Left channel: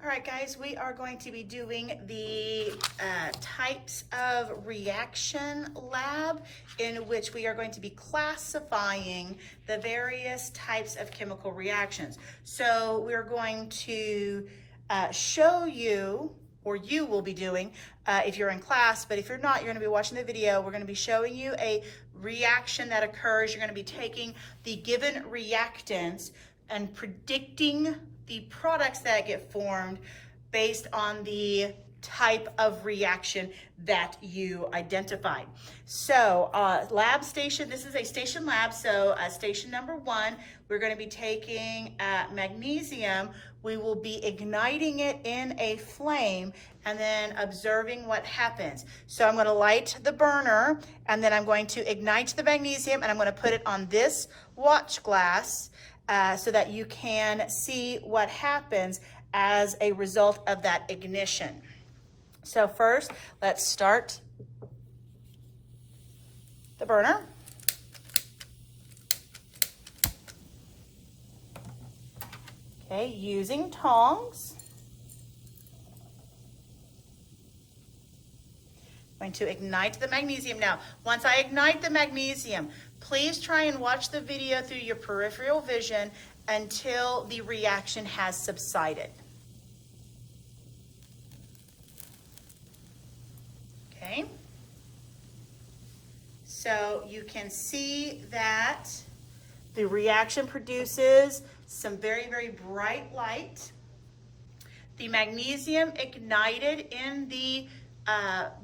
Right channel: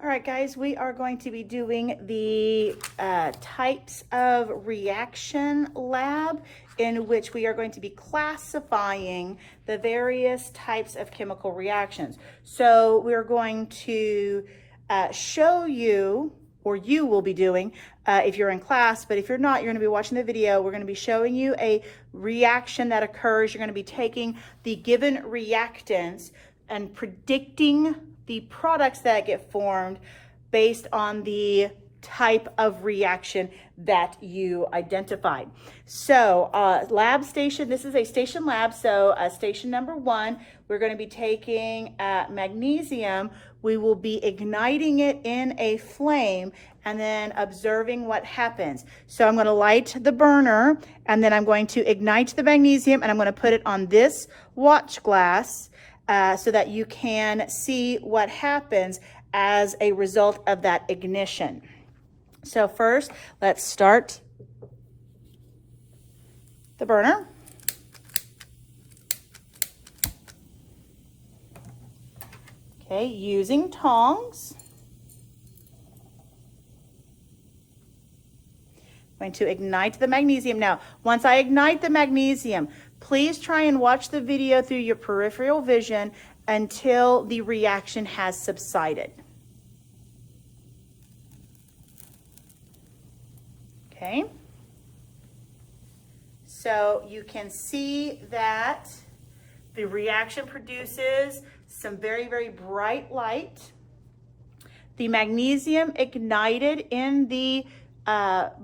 All right, guys, we are going to be doing the types of reaction lab in which we are going to be classifying the various types of chemical reactions. So we're going to show you, or you will be doing if you're in class, but if you're not, you're going to be watching the video. We're going to be showing you a reaction that occurs. You're going to be taking the given reactants and predicting the products that get formed based on the type of reaction that you identified. So lab station, this is a station lab, so station number 1, we're going to be taking magnesium. We will be igniting it in a flame and then observing what happens. So I'm going to light the burner and then I'm going to ignite the magnesium and I'm going to put it on this watch glass so that you can see what happens as a result of that ignition. So first, let's start the burner. Okay, using tongs. I'm going to ignite the magnesium. Now, once I ignite the magnesium, please try and watch the video through your peripheral vision until the reaction has subsided. Okay. So you can see that the reaction produces some very, very bright light. The magnesium ignited in the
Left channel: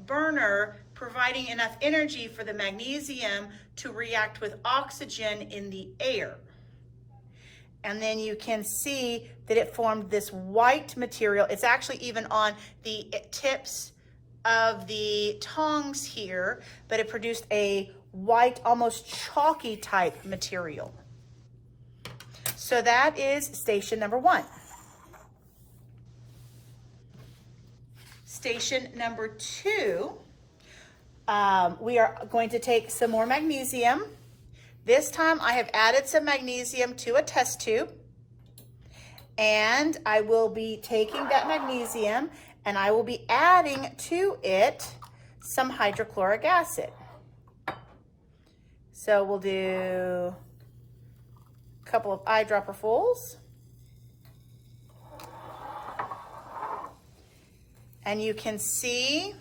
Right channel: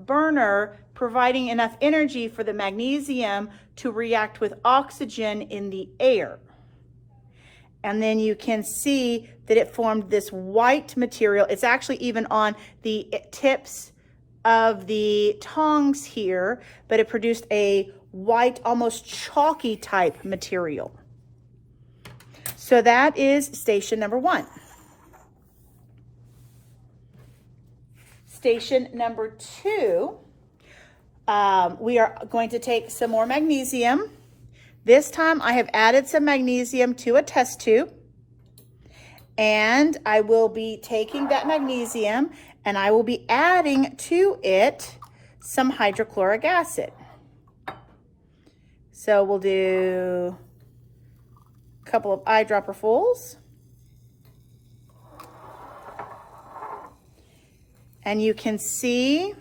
burner, providing enough energy for the magnesium to react with oxygen in the air. And then you can see that it formed this white material. It's actually even on the tips of the tongs here, but it produced a white, almost chalky type material. So that is station number 1. Station number 2, we are going to take some more magnesium. This time I have added some magnesium to a test tube, and I will be taking that magnesium and I will be adding to it some hydrochloric acid. So we'll do a couple of eyedropperfuls. And you can see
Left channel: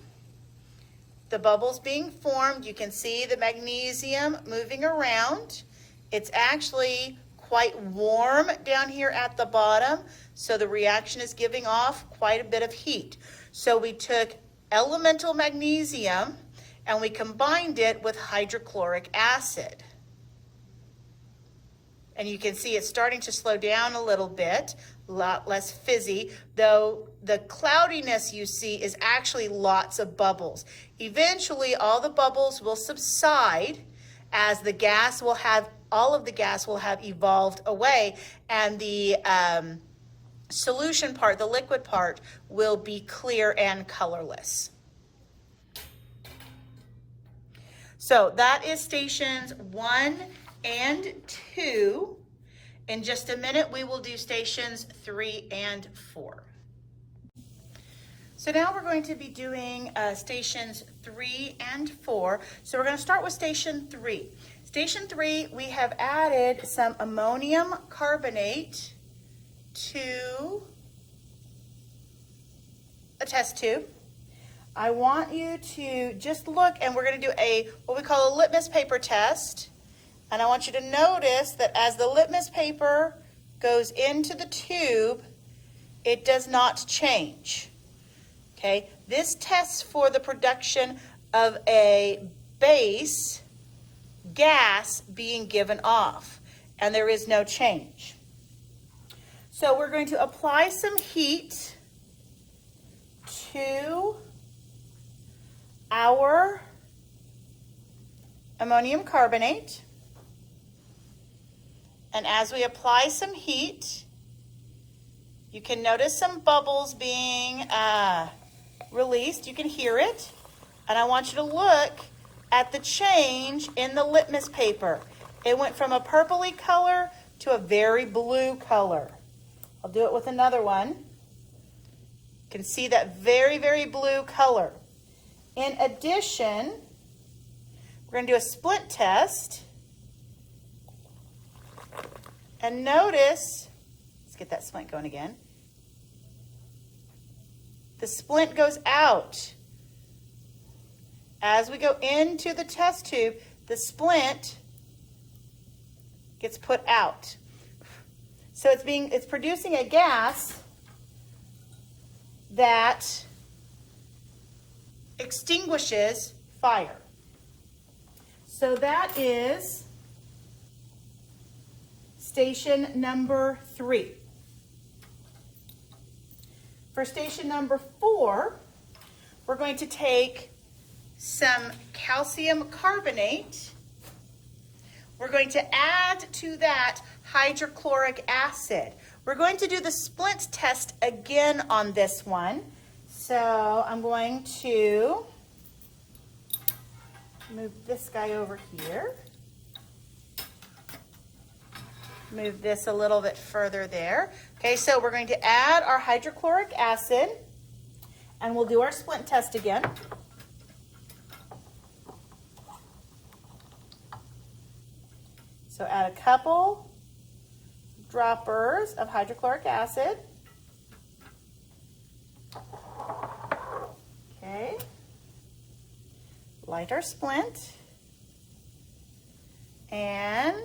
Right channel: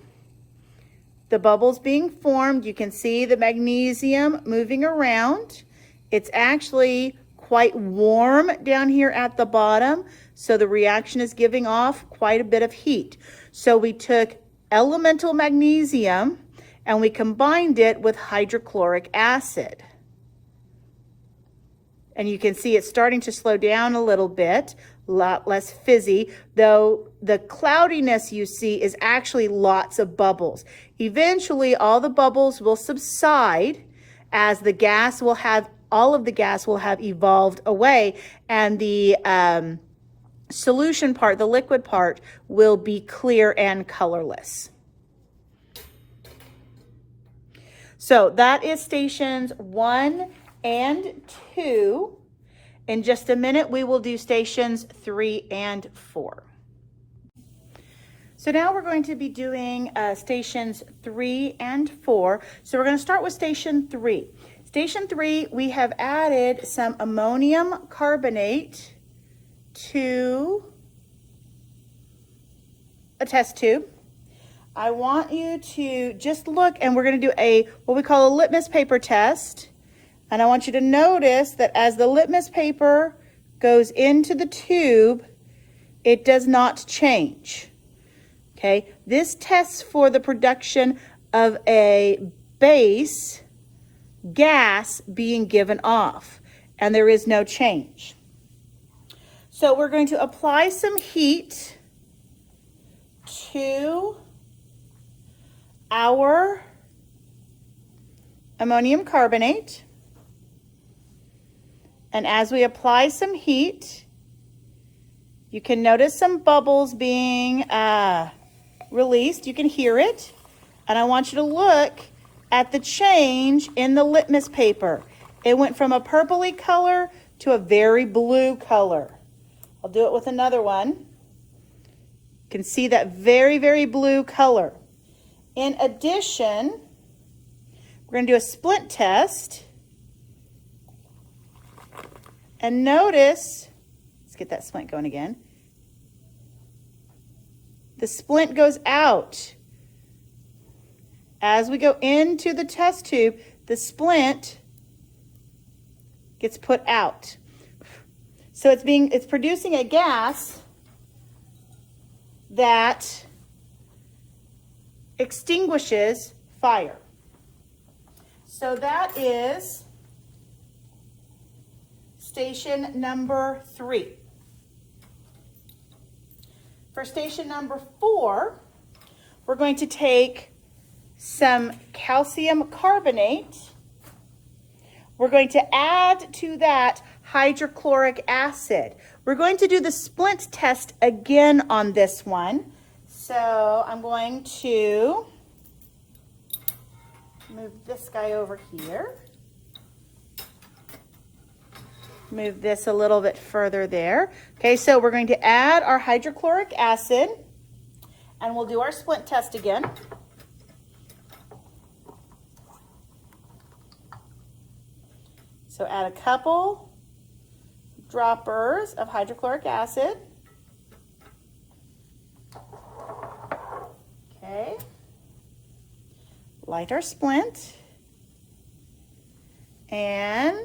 the bubbles being formed. You can see the magnesium moving around. It's actually quite warm down here at the bottom, so the reaction is giving off quite a bit of heat. So we took elemental magnesium and we combined it with hydrochloric acid. And you can see it's starting to slow down a little bit, a lot less fizzy, though the cloudiness you see is actually lots of bubbles. Eventually, all the bubbles will subside as the gas will have, all of the gas will have evolved away, and the solution part, the liquid part, will be clear and colorless. So that is stations 1 and 2. In just a minute, we will do stations 3 and 4. So now we're going to be doing stations 3 and 4. So we're going to start with station 3. Station 3, we have added some ammonium carbonate to a test tube. I want you to just look, and we're going to do a what we call a litmus paper test. And I want you to notice that as the litmus paper goes into the tube, it does not change. Okay, this tests for the production of a base gas being given off, and there is no change. So we're going to apply some heat to our ammonium carbonate. And as we apply some heat, you can notice some bubbles being released. You can hear it. And I want you to look at the change in the litmus paper. It went from a purpley color to a very blue color. I'll do it with another one. You can see that very, very blue color. In addition, we're going to do a splint test. And notice, let's get that splint going again. The splint goes out. As we go into the test tube, the splint gets put out. So it's producing a gas that extinguishes fire. So that is station number 3. For station number 4, we're going to take some calcium carbonate. We're going to add to that hydrochloric acid. We're going to do the splint test again on this one. So I'm going to move this guy over here. Move this a little bit further there. Okay, so we're going to add our hydrochloric acid and we'll do our splint test again. So add a couple droppers of hydrochloric acid. Okay. Light our splint. And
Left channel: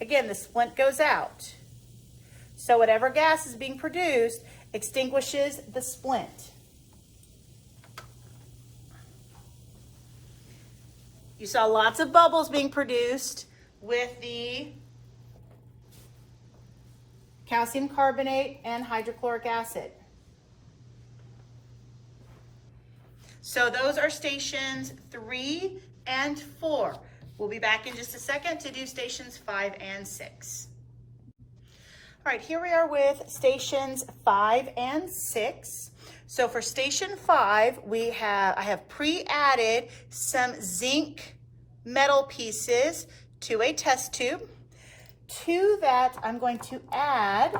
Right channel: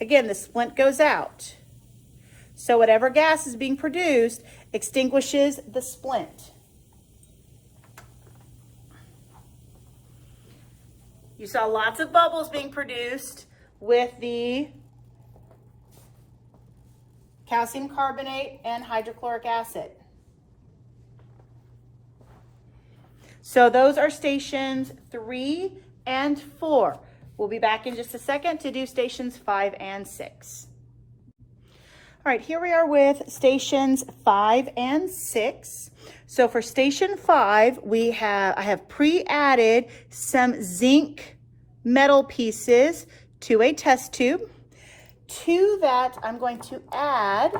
again, the splint goes out. So whatever gas is being produced extinguishes the splint. You saw lots of bubbles being produced with the calcium carbonate and hydrochloric acid. So those are stations 3 and 4. We'll be back in just a second to do stations 5 and 6. All right, here we are with stations 5 and 6. So for station 5, I have pre-added some zinc metal pieces to a test tube. To that, I'm going to add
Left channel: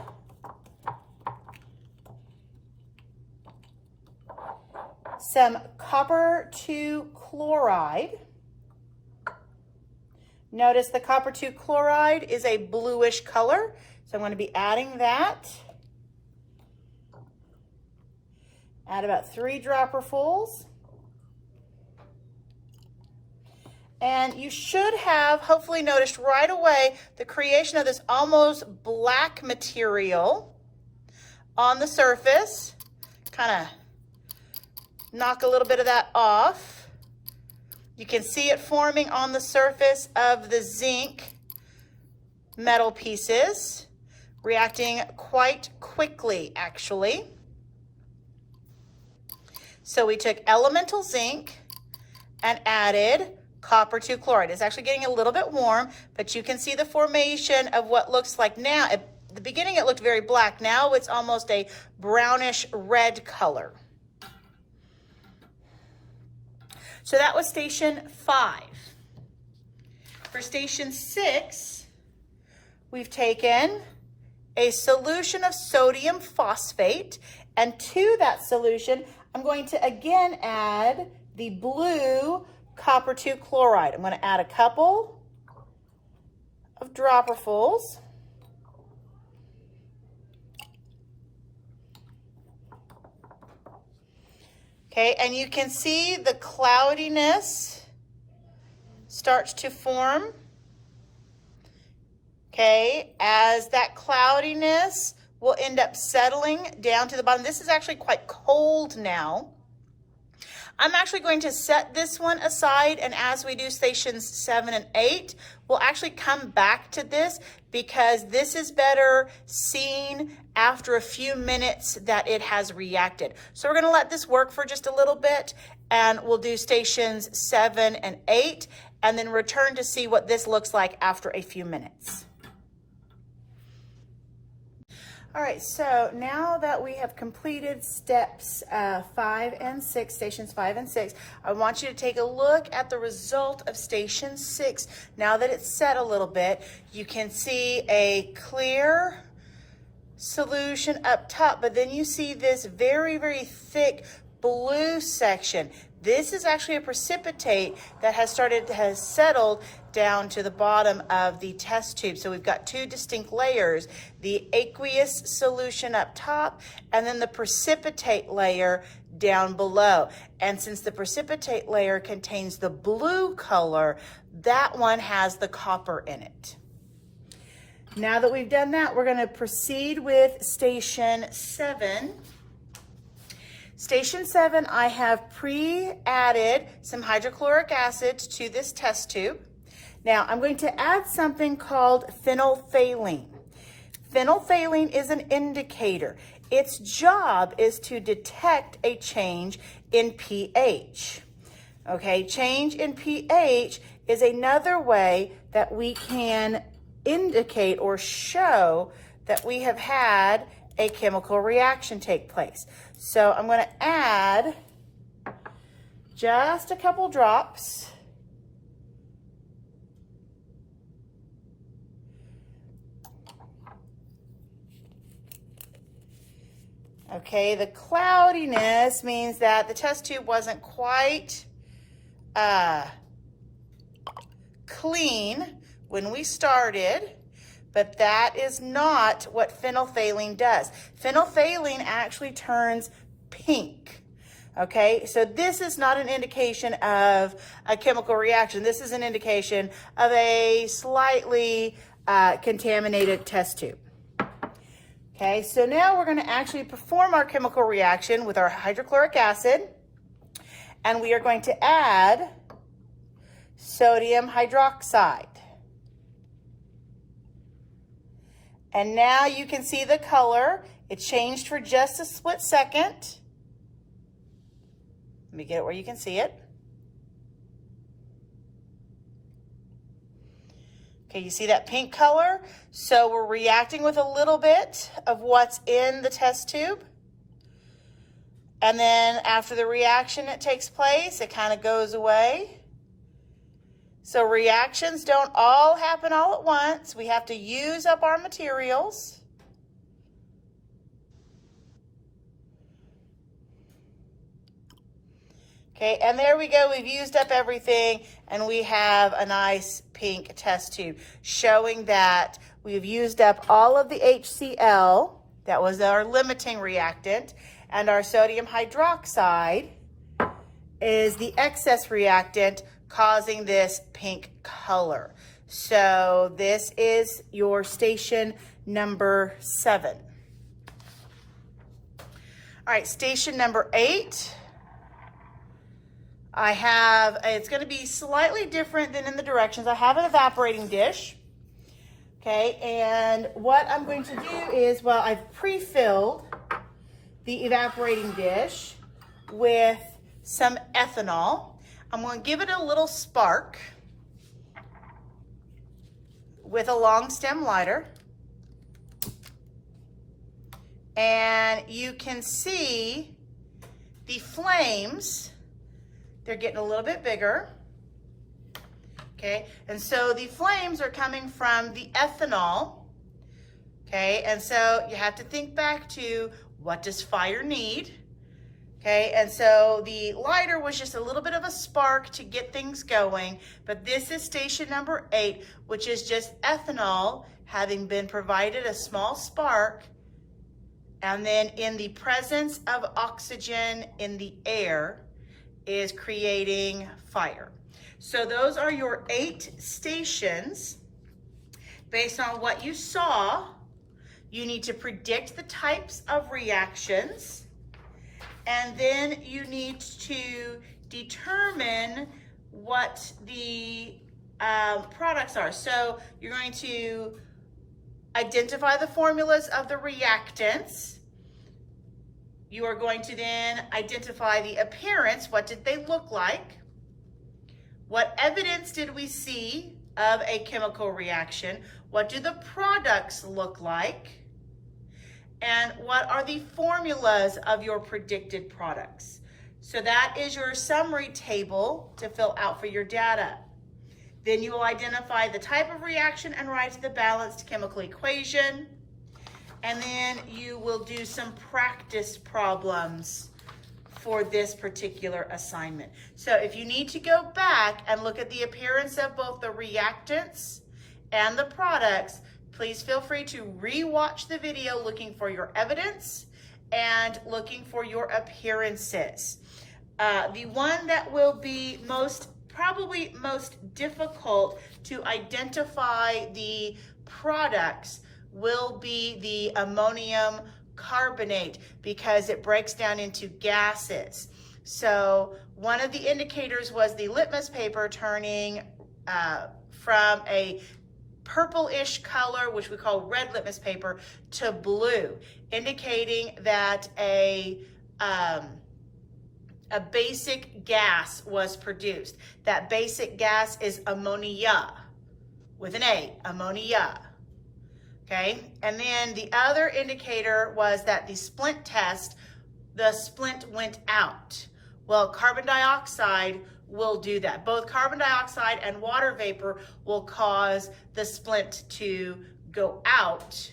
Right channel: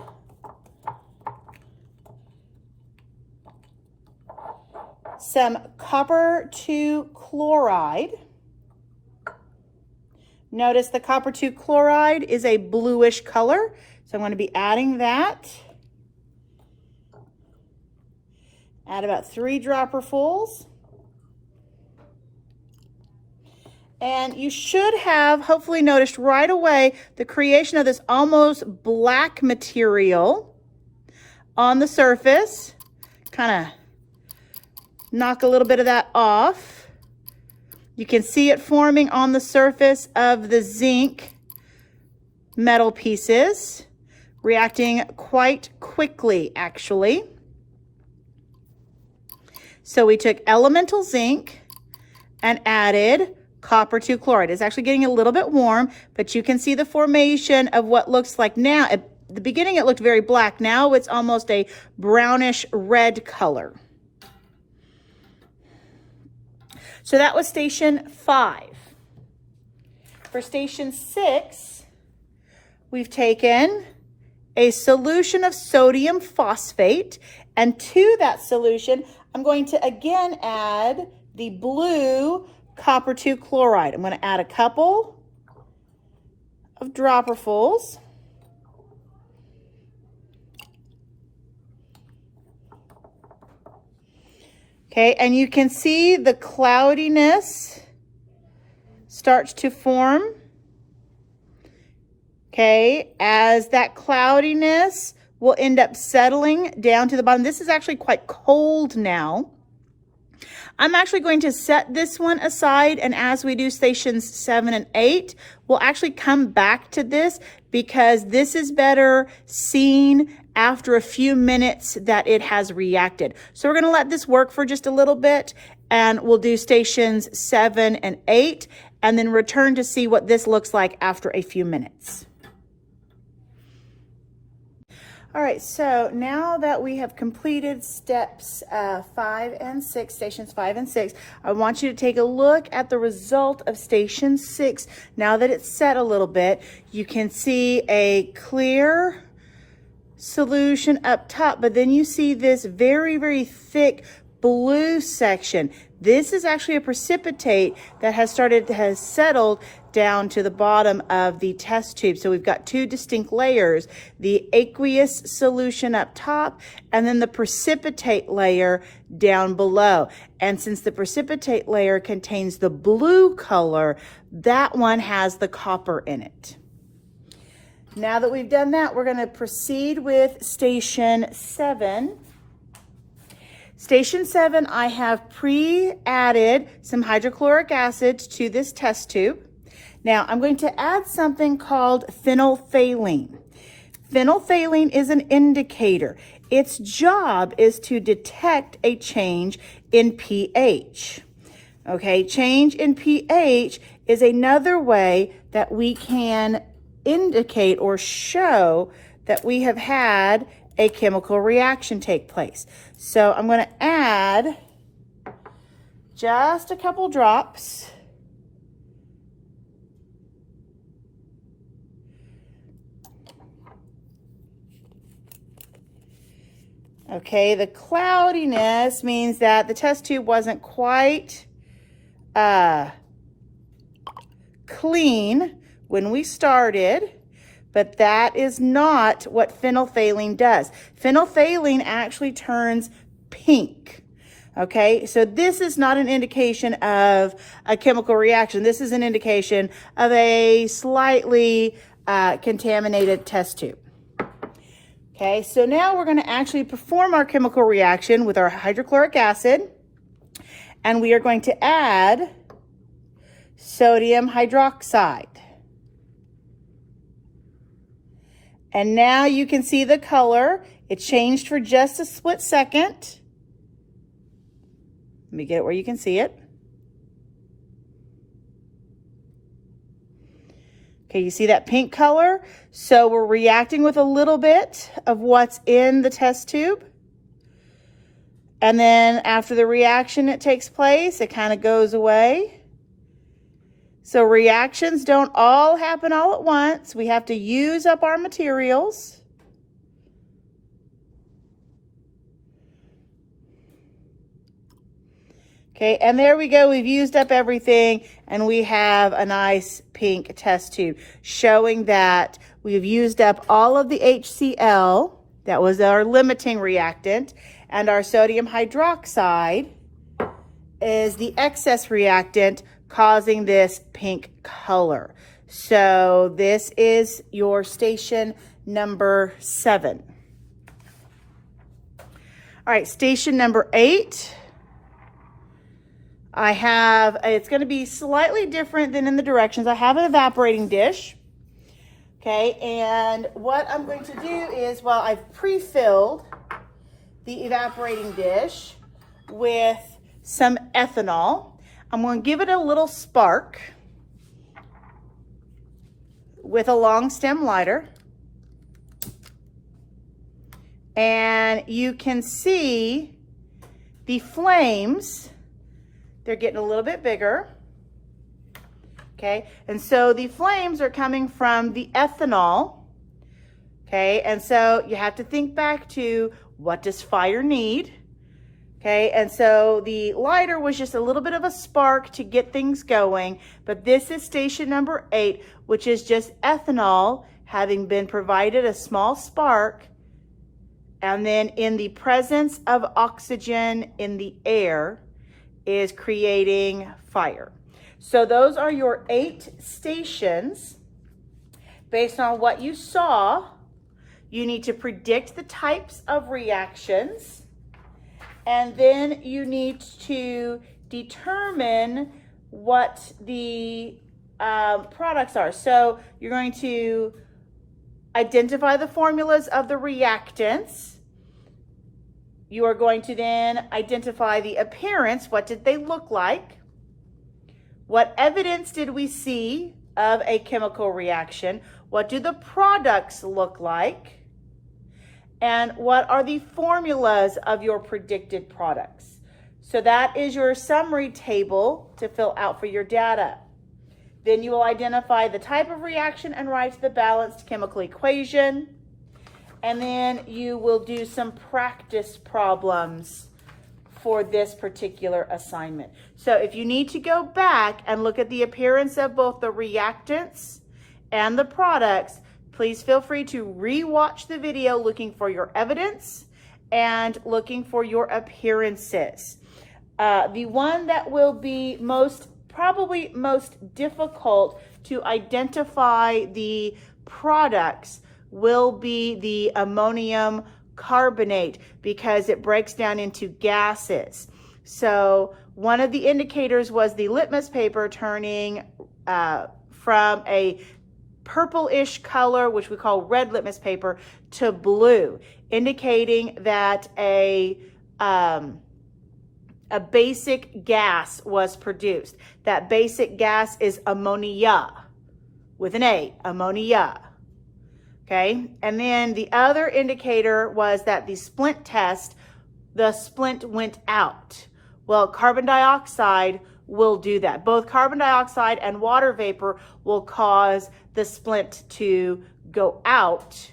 some copper 2 chloride. Notice the copper 2 chloride is a bluish color, so I'm going to be adding that. Add about 3 dropperfuls. And you should have hopefully noticed right away the creation of this almost black material on the surface. Kind of knock a little bit of that off. You can see it forming on the surface of the zinc metal pieces, reacting quite quickly actually. So we took elemental zinc and added copper 2 chloride. It's actually getting a little bit warm, but you can see the formation of what looks like now. At the beginning it looked very black. Now it's almost a brownish red color. So that was station 5. For station 6, we've taken a solution of sodium phosphate, and to that solution, I'm going to again add the blue copper 2 chloride. I'm going to add a couple of dropperfuls. Okay, and you can see the cloudiness starts to form. Okay, as that cloudiness will end up settling down to the bottom. This is actually quite cold now. I'm actually going to set this one aside, and as we do stations 7 and 8, we'll actually come back to this because this is better seen after a few minutes that it has reacted. So we're going to let this work for just a little bit, and we'll do stations 7 and 8 and then return to see what this looks like after a few minutes. All right, so now that we have completed steps 5 and 6, stations 5 and 6, I want you to take a look at the result of station 6. Now that it's set a little bit, you can see a clear solution up top, but then you see this very, very thick blue section. This is actually a precipitate that has settled down to the bottom of the test tube. So we've got two distinct layers, the aqueous solution up top and then the precipitate layer down below. And since the precipitate layer contains the blue color, that one has the copper in it. Now that we've done that, we're going to proceed with station 7. Station 7, I have pre-added some hydrochloric acid to this test tube. Now I'm going to add something called phenolphthalein. Phenolphthalein is an indicator. Its job is to detect a change in pH. Okay, change in pH is another way that we can indicate or show that we have had a chemical reaction take place. So I'm going to add just a couple drops. Okay, the cloudiness means that the test tube wasn't quite clean when we started, but that is not what phenolphthalein does. Phenolphthalein actually turns pink. Okay, so this is not an indication of a chemical reaction. This is an indication of a slightly contaminated test tube. Okay, so now we're going to actually perform our chemical reaction with our hydrochloric acid, and we are going to add sodium hydroxide. And now you can see the color. It changed for just a split second. Let me get it where you can see it. Okay, you see that pink color? So we're reacting with a little bit of what's in the test tube. And then after the reaction it takes place, it kind of goes away. So reactions don't all happen all at once. We have to use up our materials. Okay, and there we go. We've used up everything, and we have a nice pink test tube showing that we've used up all of the HCl, that was our limiting reactant, and our sodium hydroxide is the excess reactant causing this pink color. So this is your station number 7. All right, station number 8. I have, it's going to be slightly different than in the directions. I have an evaporating dish. Okay, and what I'm going to do is, well, I've pre-filled the evaporating dish with some ethanol. I'm going to give it a little spark with a long stem lighter. And you can see the flames. They're getting a little bit bigger. Okay, and so the flames are coming from the ethanol. Okay, and so you have to think back to, what does fire need? Okay, and so the lighter was just a little bit of a spark to get things going, but this is station number 8, which is just ethanol having been provided a small spark, and then in the presence of oxygen in the air is creating fire. So those are your 8 stations. Based on what you saw, you need to predict the types of reactions, and then you need to determine what the products are. So you're going to identify the formulas of the reactants. You are going to then identify the appearance. What did they look like? What evidence did we see of a chemical reaction? What do the products look like? and what are the formulas of your predicted products. So that is your summary table to fill out for your data. Then you will identify the type of reaction and write the balanced chemical equation. And then you will do some practice problems for this particular assignment. So if you need to go back and look at the appearance of both the reactants and the products, please feel free to re-watch the video looking for your evidence and looking for your appearances. The one that will be probably most difficult to identify the products will be the ammonium carbonate because it breaks down into gases. So one of the indicators was the litmus paper turning from a purplish color, which we call red litmus paper, to blue, indicating that a basic gas was produced. That basic gas is ammonia, with an A, ammonia. Okay, and then the other indicator was that the splint test, the splint went out. Well, carbon dioxide will do that. Both carbon dioxide and water vapor will cause the splint to go out.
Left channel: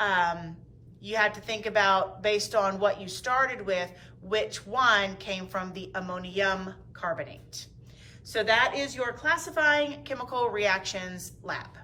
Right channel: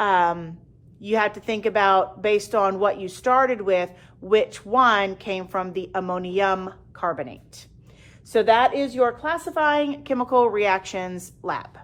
You have to think about, based on what you started with, which one came from the ammonium carbonate. So that is your classifying chemical reactions lab.